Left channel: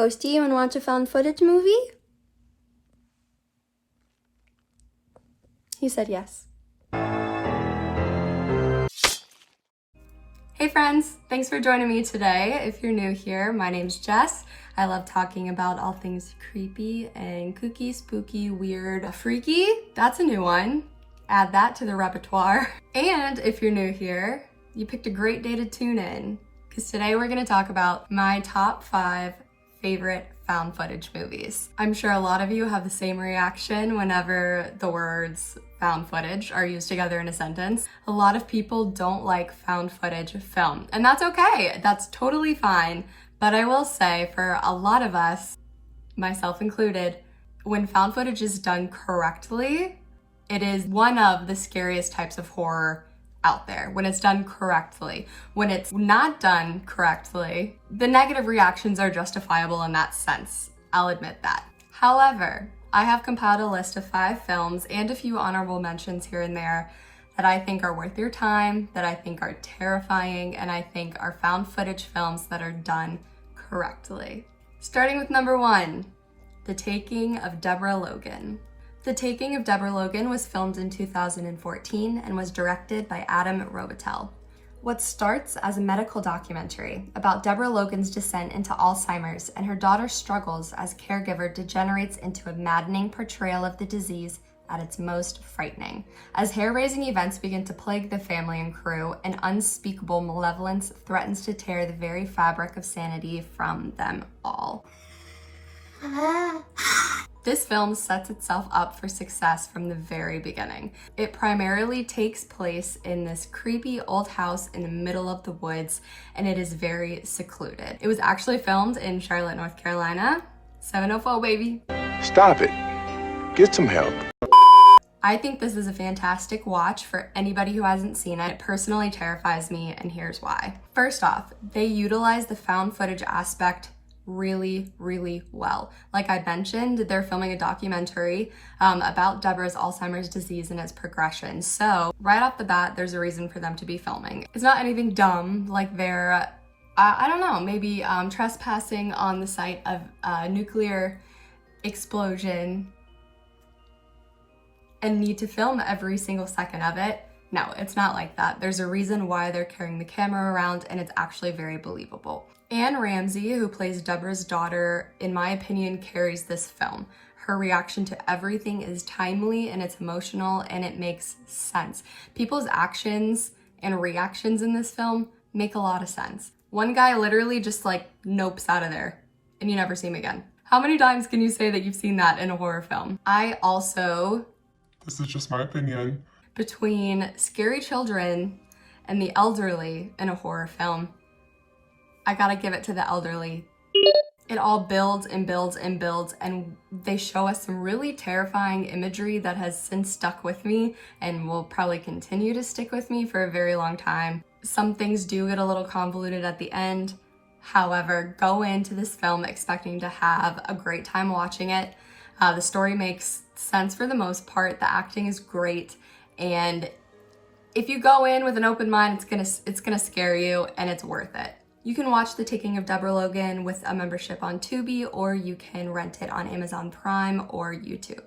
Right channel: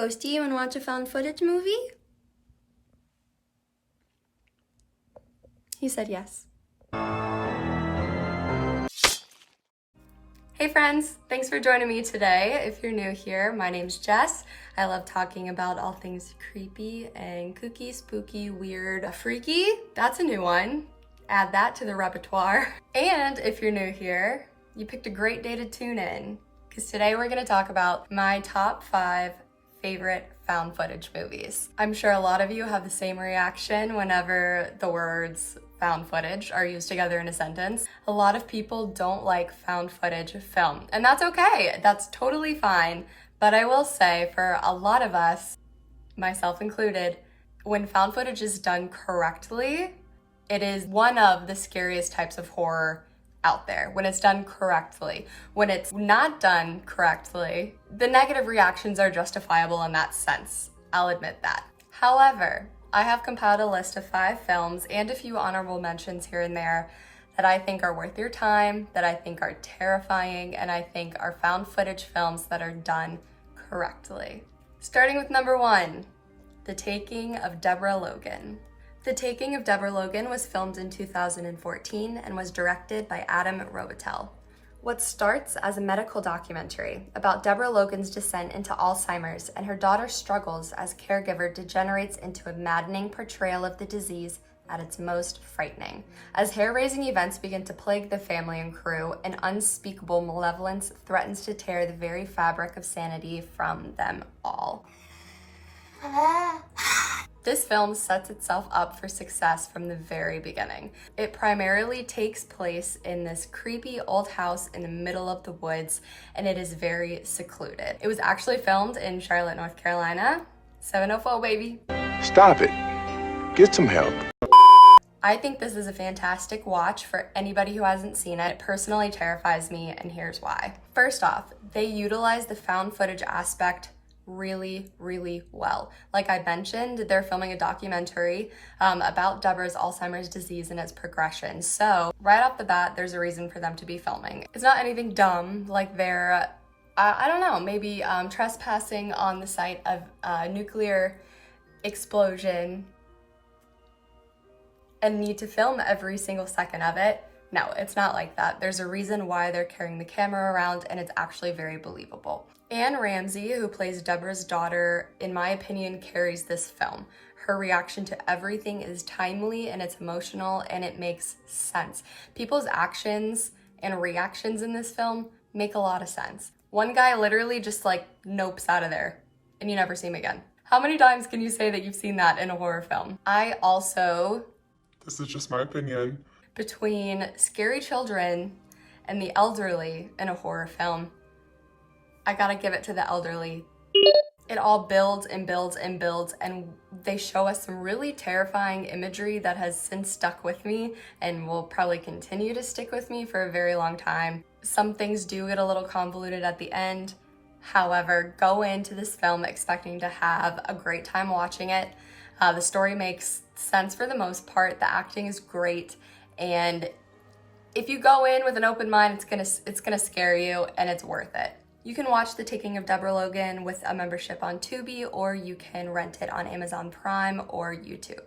Ghosty, you wanna watch a found footage movie? He said yes. Hey friends, thanks for joining me today. If you're new here, my name's Jess. I love talking about all things creepy and kooky, spooky, weird, freaky. That's a new one. Add that to the repertoire. And if you're new here, you picked a great day to tune in, because today we're gonna talk about my top 5 favorite found footage movies. I'm sure a lot of you have the same reaction whenever the words found footage are used together in a sentence. A lot of people don't like found footage film, and that's okay. That's totally fine. But I will say, for a lot of us, myself included, when found footage is done correctly, it is one of the scariest types of horror out there when it's done correctly. When it's not done correctly, the negative reactions are justifiable in that sense. I'll admit that. However, I have compiled a list of 5 films and a few honorable mentions here and there that I think are worth your time, that I think are terrifying, and I think are found footage films that are done correctly. Starting with number 1, The Taking of Deborah Logan. The Taking of Deborah Logan was filmed in 2014 and was directed by Adam Robitel. What starts as a medical documentary about Deborah Logan's descent into Alzheimer's and her daughter's struggles as caregiver degenerates into a maddening portrayal of the disease at its most frightening. As hair-raising events begin to plague the family and crew, an unspeakable malevolence threatens to tear the very fabric of sanity from them all. This film sets itself up for success from the very beginning. It primarily takes place in this creepy old house in the middle of the woods, and it is very secluded. It was actually filmed in Charlotte, North Carolina. 704, baby. Stop it. Get some help. I think this is a fantastic watch for anybody who hasn't seen it. It personally terrifies me, and here's why. First off, they utilize the found footage aspect really, really well. Like I mentioned, they're filming a documentary about Deborah's Alzheimer's disease and its progression. So right off the bat, there's a reason for them to be filming. It's not anything dumb, like they're, I don't know, maybe trespassing on the site of a nuclear explosion and need to film every single second of it. No, it's not like that. There's a reason why they're carrying the camera around, and it's actually very believable. Anne Ramsey, who plays Deborah's daughter, in my opinion, carries this film. Her reaction to everything is timely and it's emotional and it makes sense. People's actions and reactions in this film make a lot of sense. One guy literally just like nopes out of there and you never see him again. How many times can you say that you've seen that in a horror film? I also, this is just my opinion, between scary children and the elderly in a horror film, I gotta give it to the elderly. It all builds and builds and builds, and they show us some really terrifying imagery that has since stuck with me and will probably continue to stick with me for a very long time. Some things do get a little convoluted at the end. However, go into this film expecting to have a great time watching it. The story makes sense for the most part. The acting is great, and if you go in with an open mind, it's gonna scare you, and it's worth it. You can watch The Taking of Deborah Logan with a membership on Tubi, or you can rent it on Amazon Prime or YouTube.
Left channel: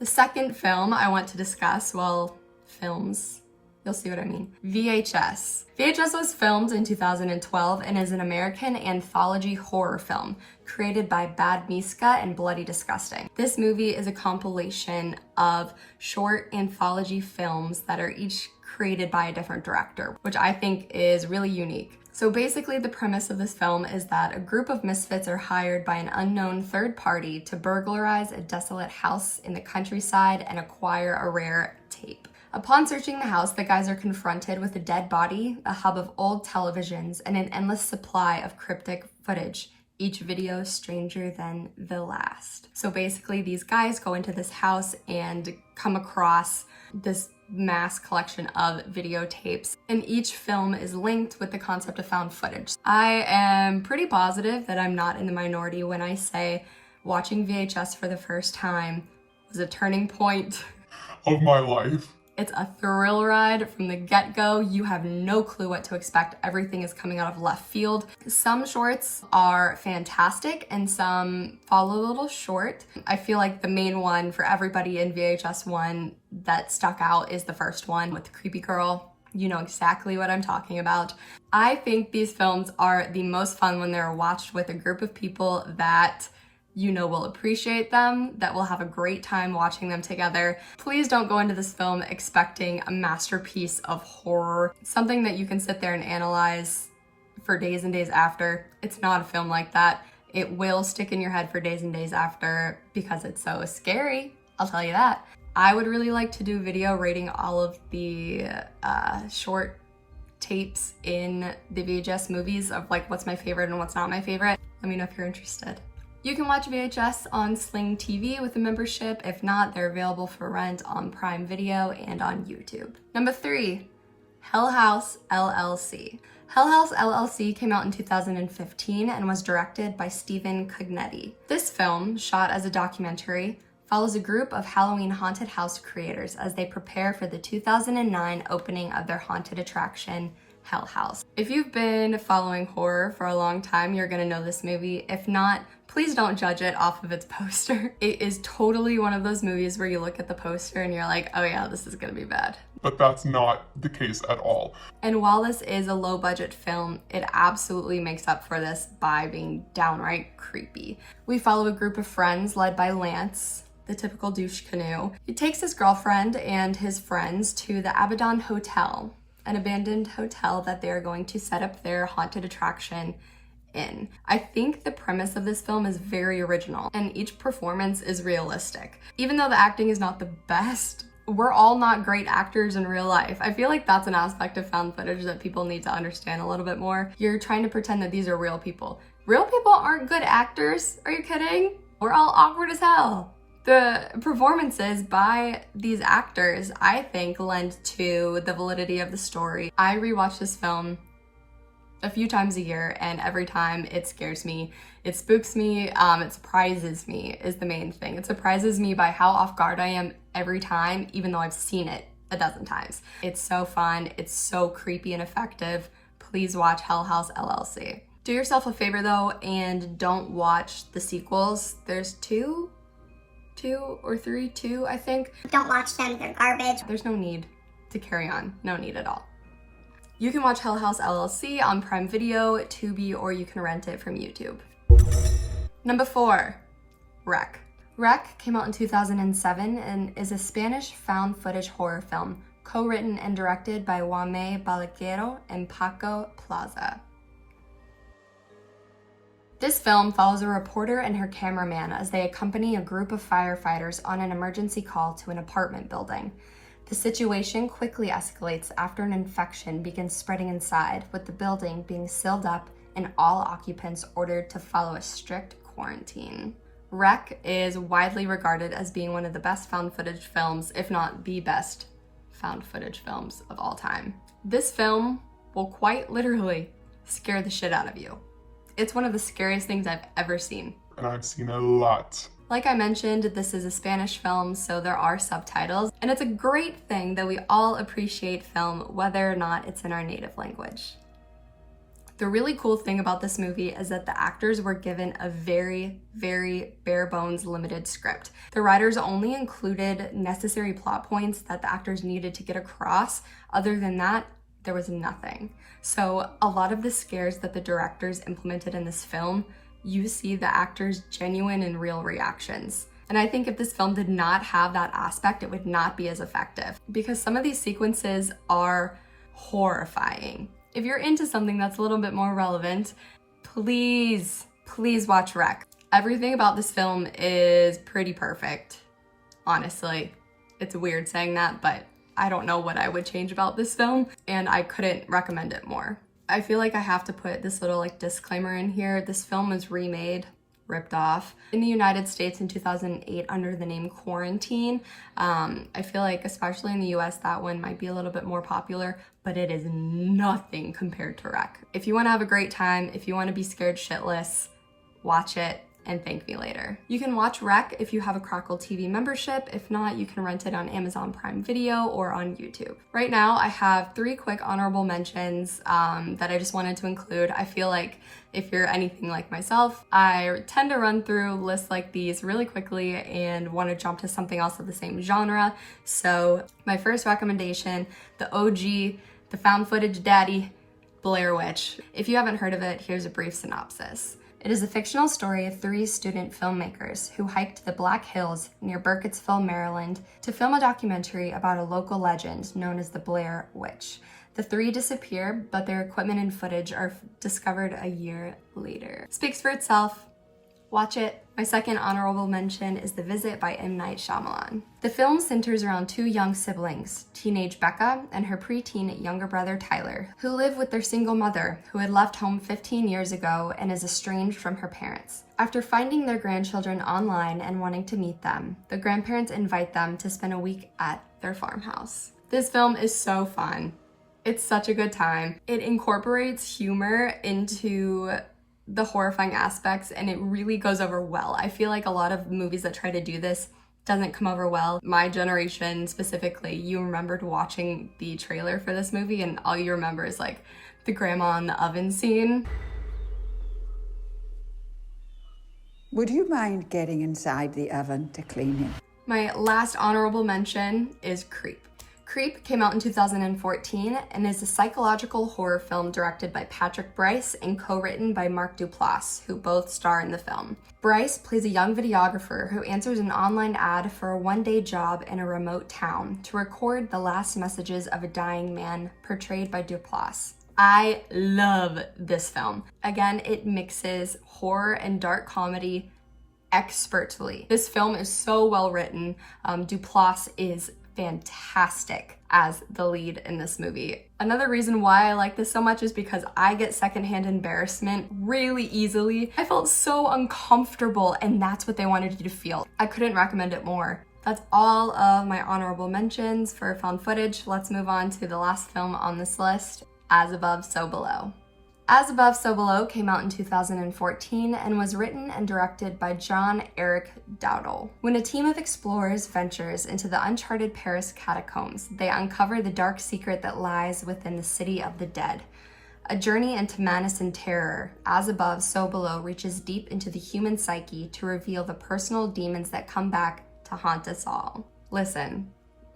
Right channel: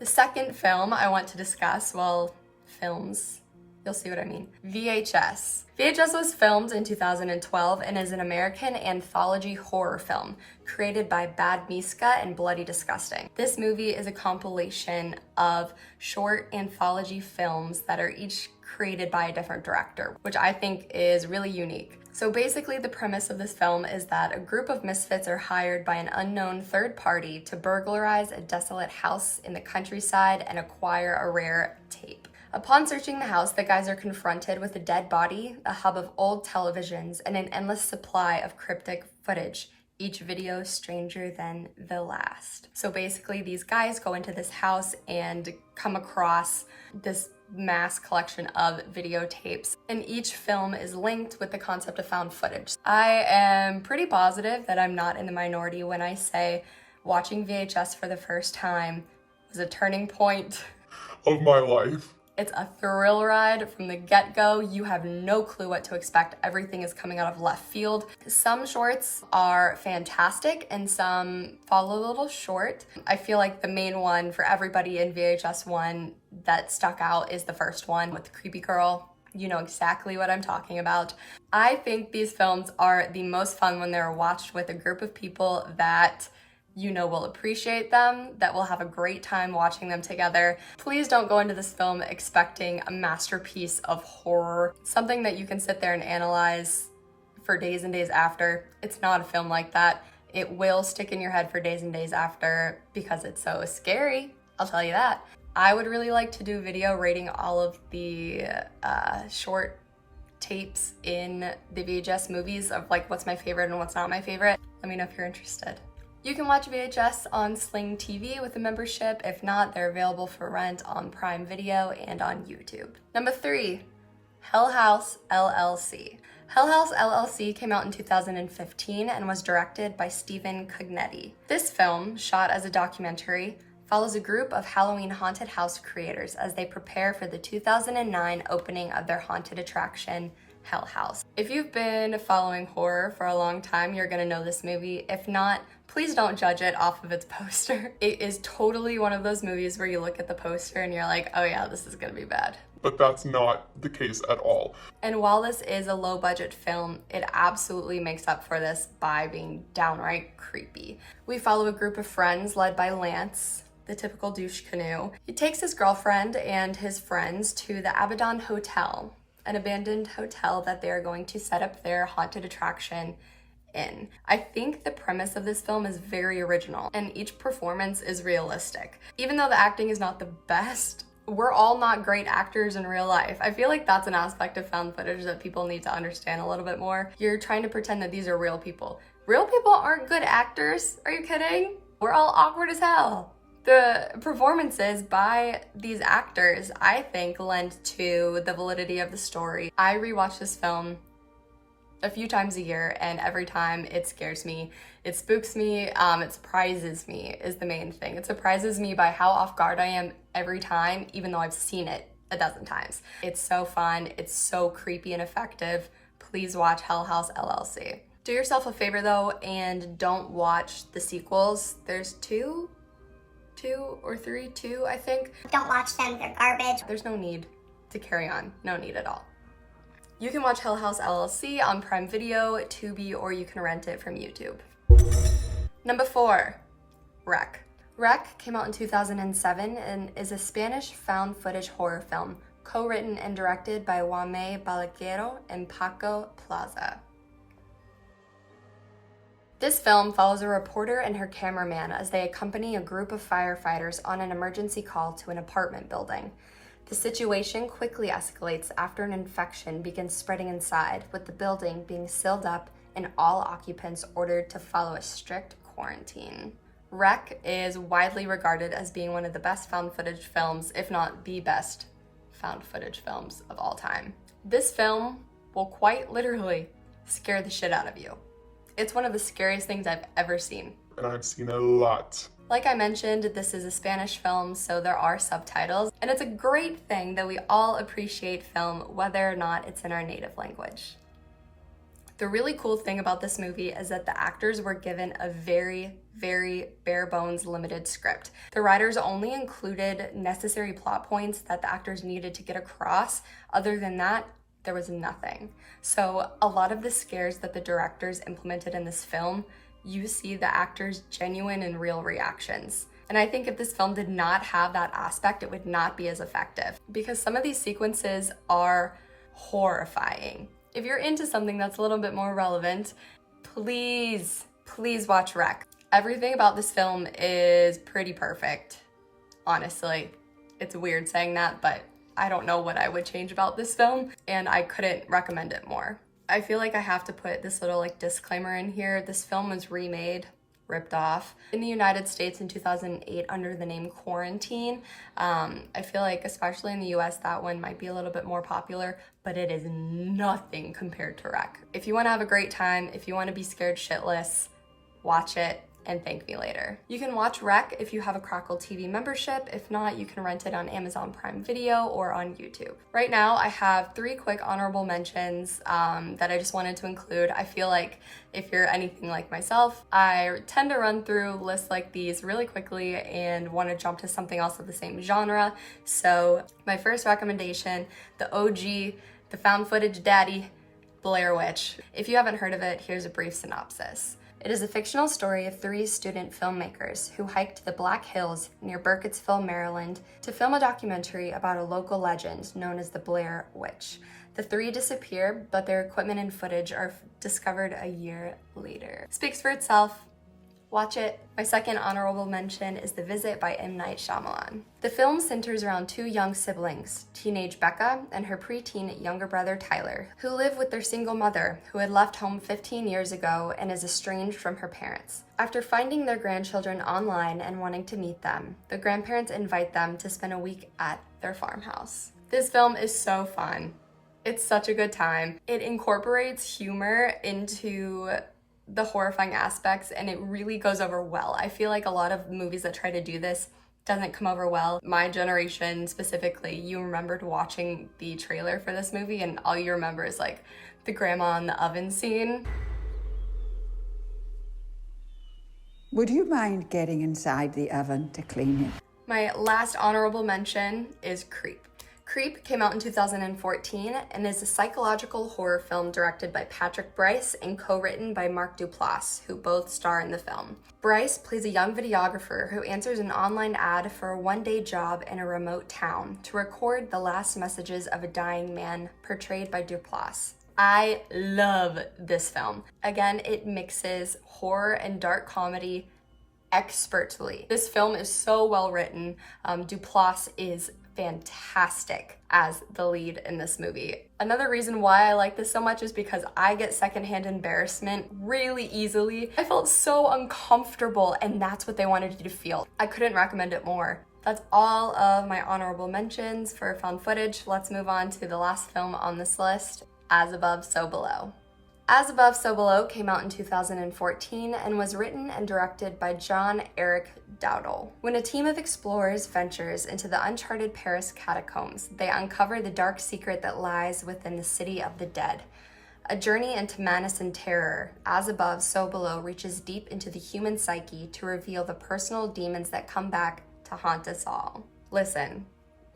The second film I want to discuss, well, films, you'll see what I mean. VHS. VHS was filmed in 2012 and is an American anthology horror film created by Bad Miska and Bloody Disgusting. This movie is a compilation of short anthology films that are each created by a different director, which I think is really unique. So basically the premise of this film is that a group of misfits are hired by an unknown third party to burglarize a desolate house in the countryside and acquire a rare tape. Upon searching the house, the guys are confronted with a dead body, a hub of old televisions, and an endless supply of cryptic footage, each video stranger than the last. So basically these guys go into this house and come across this mass collection of videotapes, and each film is linked with the concept of found footage. I am pretty positive that I'm not in the minority when I say watching VHS for the first time was a turning point of my life. It's a thrill ride from the get-go. You have no clue what to expect. Everything is coming out of left field. Some shorts are fantastic and some fall a little short. I feel like the main one for everybody in VHS 1 that stuck out is the first one with the creepy girl. You know exactly what I'm talking about. I think these films are the most fun when they're watched with a group of people that you know will appreciate them, that will have a great time watching them together. Please don't go into this film expecting a masterpiece of horror, something that you can sit there and analyze for days and days after. It's not a film like that. It will stick in your head for days and days after because it's so scary, I'll tell you that. I would really like to do a video rating all of the short tapes in the VHS movies of like what's my favorite and what's not my favorite. Let me know if you're interested. You can watch VHS on Sling TV with a membership. If not, they're available for rent on Prime Video and on YouTube. Number 3, Hellhouse LLC. Hellhouse LLC came out in 2015 and was directed by Stephen Cognetti. This film, shot as a documentary, follows a group of Halloween haunted house creators as they prepare for the 2009 opening of their haunted attraction, Hellhouse. If you've been following horror for a long time, you're gonna know this movie. If not, please don't judge it off of its poster. It is totally one of those movies where you look at the poster and you're like, oh yeah, this is gonna be bad. But that's not the case at all. And while this is a low budget film, it absolutely makes up for this by being downright creepy. We follow a group of friends led by Lance, the typical douche canoe. He takes his girlfriend and his friends to the Abaddon Hotel, an abandoned hotel that they're going to set up their haunted attraction in. I think the premise of this film is very original and each performance is realistic. Even though the acting is not the best, we're all not great actors in real life. I feel like that's an aspect of found footage that people need to understand a little bit more. You're trying to pretend that these are real people. Real people aren't good actors. Are you kidding? We're all awkward as hell. The performances by these actors, I think, lend to the validity of the story. I rewatch this film a few times a year, and every time it scares me, it spooks me, it surprises me is the main thing. It surprises me by how off guard I am every time, even though I've seen it a dozen times. It's so fun, it's so creepy and effective. Please watch Hellhouse LLC. Do yourself a favor though, and don't watch the sequels. There's two or three, I think. Don't watch them, they're garbage. There's no need to carry on, no need at all. You can watch Hellhouse LLC on Prime Video, Tubi, or you can rent it from YouTube. Number 4, Wreck. Wreck came out in 2007 and is a Spanish found footage horror film, co-written and directed by Jaime Balaguero and Paco Plaza. This film follows a reporter and her cameraman as they accompany a group of firefighters on an emergency call to an apartment building. The situation quickly escalates after an infection begins spreading inside, with the building being sealed up and all occupants ordered to follow a strict quarantine. Wreck is widely regarded as being one of the best found footage films, if not the best found footage films of all time. This film will quite literally scare the shit out of you. It's one of the scariest things I've ever seen. And I've seen a lot. Like I mentioned, this is a Spanish film, so there are subtitles, and it's a great thing that we all appreciate film whether or not it's in our native language. The really cool thing about this movie is that the actors were given a very, very bare bones limited script. The writers only included necessary plot points that the actors needed to get across. Other than that, there was nothing. So a lot of the scares that the directors implemented in this film, you see the actors' genuine and real reactions. And I think if this film did not have that aspect, it would not be as effective, because some of these sequences are horrifying. If you're into something that's a little bit more relevant, please watch Wreck. Everything about this film is pretty perfect, honestly. It's weird saying that, but I don't know what I would change about this film, and I couldn't recommend it more. I feel like I have to put this little disclaimer in here. This film was remade, ripped off, in the United States in 2008 under the name Quarantine. I feel like especially in the US that one might be a little bit more popular, but it is nothing compared to Wreck. If you want to have a great time, if you want to be scared shitless, watch it and thank me later. You can watch Rec if you have a Crackle TV membership. If not, you can rent it on Amazon Prime Video or on YouTube. Right now, I have 3 quick honorable mentions that I just wanted to include. I feel like if you're anything like myself, I tend to run through lists like these really quickly and want to jump to something else of the same genre. So my first recommendation, the OG, the found footage daddy, Blair Witch. If you haven't heard of it, here's a brief synopsis. It is a fictional story of 3 student filmmakers who hiked the Black Hills near Burkittsville, Maryland, to film a documentary about a local legend known as the Blair Witch. The 3 disappear, but their equipment and footage are discovered a year later. Speaks for itself. Watch it. My second honorable mention is The Visit by M. Night Shyamalan. The film centers around 2 young siblings, teenage Becca and her preteen younger brother Tyler, who live with their single mother, who had left home 15 years ago and is estranged from her parents. After finding their grandchildren online and wanting to meet them, the grandparents invite them to spend a week at their farmhouse. This film is so fun. It's such a good time. It incorporates humor into the horrifying aspects, and it really goes over well. I feel like a lot of movies that try to do this doesn't come over well. My generation specifically, you remembered watching the trailer for this movie and all you remember is like the grandma in the oven scene. Would you mind getting inside the oven to clean it? My last honorable mention is Creep. Creep came out in 2014 and is a psychological horror film directed by Patrick Brice and co-written by Mark Duplass, who both star in the film. Brice plays a young videographer who answers an online ad for a one-day job in a remote town to record the last messages of a dying man, portrayed by Duplass. I love this film. Again, it mixes horror and dark comedy expertly. This film is so well written. Duplass is fantastic as the lead in this movie. Another reason why I like this so much is because I get secondhand embarrassment really easily. I felt so uncomfortable, and that's what they wanted you to feel. I couldn't recommend it more. That's all of my honorable mentions for found footage. Let's move on to the last film on this list, As Above, So Below. As Above, So Below came out in 2014 and was written and directed by John Eric Dowdle. When a team of explorers ventures into the uncharted Paris catacombs, they uncover the dark secret that lies within the city of the dead. A journey into madness and terror, As Above, So Below reaches deep into the human psyche to reveal the personal demons that come back to haunt us all. Listen,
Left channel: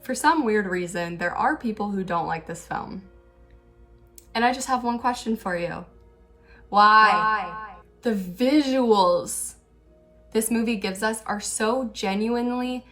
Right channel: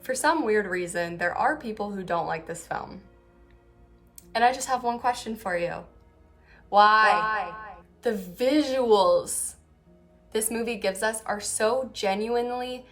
for some weird reason, there are people who don't like this film. And I just have one question for you. Why? The visuals this movie gives us are so genuinely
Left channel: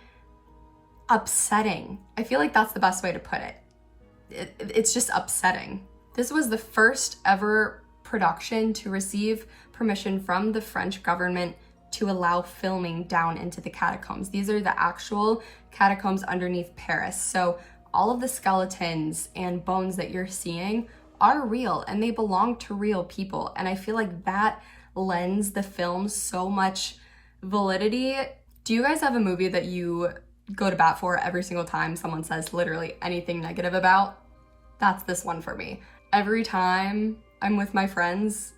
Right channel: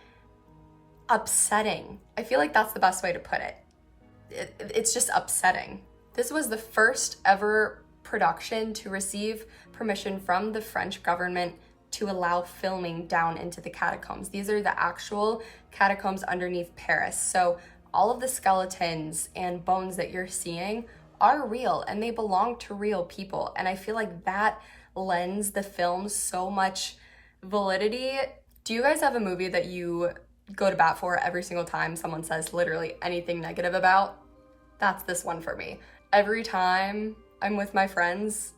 upsetting. I feel like that's the best way to put it. It's just upsetting. This was the first ever production to receive permission from the French government to allow filming down into the catacombs. These are the actual catacombs underneath Paris. So all of the skeletons and bones that you're seeing are real and they belong to real people. And I feel like that lends the film so much validity. Do you guys have a movie that you go to bat for every single time someone says literally anything negative about? That's this one for me. Every time I'm with my friends,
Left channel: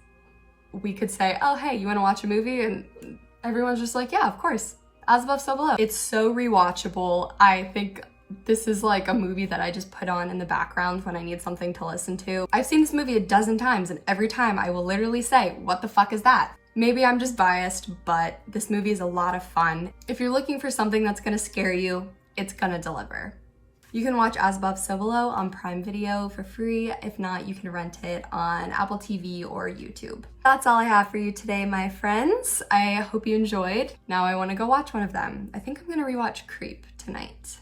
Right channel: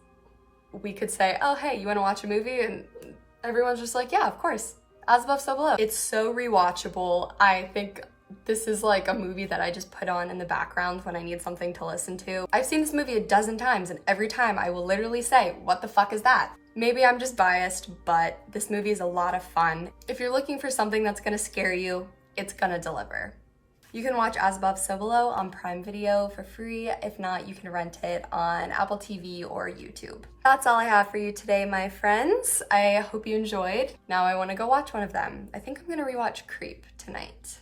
we could say, oh, hey, you wanna watch a movie? And everyone's just like, yeah, of course. As Above, So Below. It's so rewatchable. I think this is like a movie that I just put on in the background when I need something to listen to. I've seen this movie a dozen times and every time I will literally say, what the fuck is that? Maybe I'm just biased, but this movie is a lot of fun. If you're looking for something that's gonna scare you, it's gonna deliver. You can watch As Above, So Below on Prime Video for free. If not, you can rent it on Apple TV or YouTube. That's all I have for you today, my friends. I hope you enjoyed. Now I wanna go watch one of them. I think I'm gonna rewatch Creep tonight.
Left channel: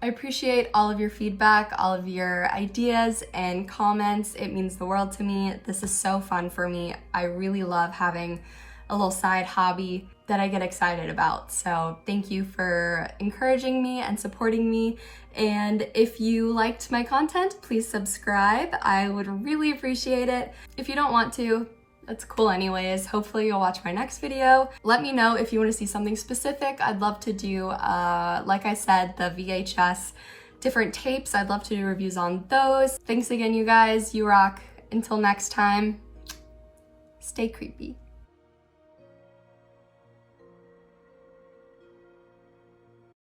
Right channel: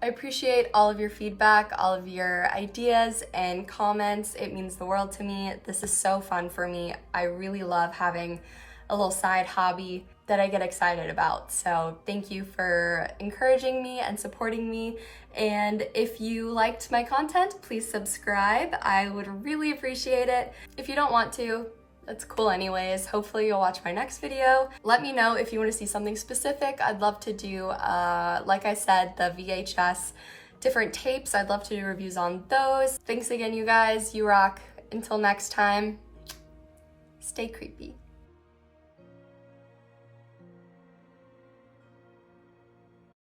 I appreciate all of your feedback, all of your ideas and comments. It means the world to me. This is so fun for me. I really love having a little side hobby that I get excited about. So thank you for encouraging me and supporting me. And if you liked my content, please subscribe. I would really appreciate it. If you don't want to, that's cool anyways. Hopefully you'll watch my next video. Let me know if you want to see something specific. I'd love to do, like I said, the VHS different tapes. I'd love to do reviews on those. Thanks again, you guys. You rock. Until next time, stay creepy.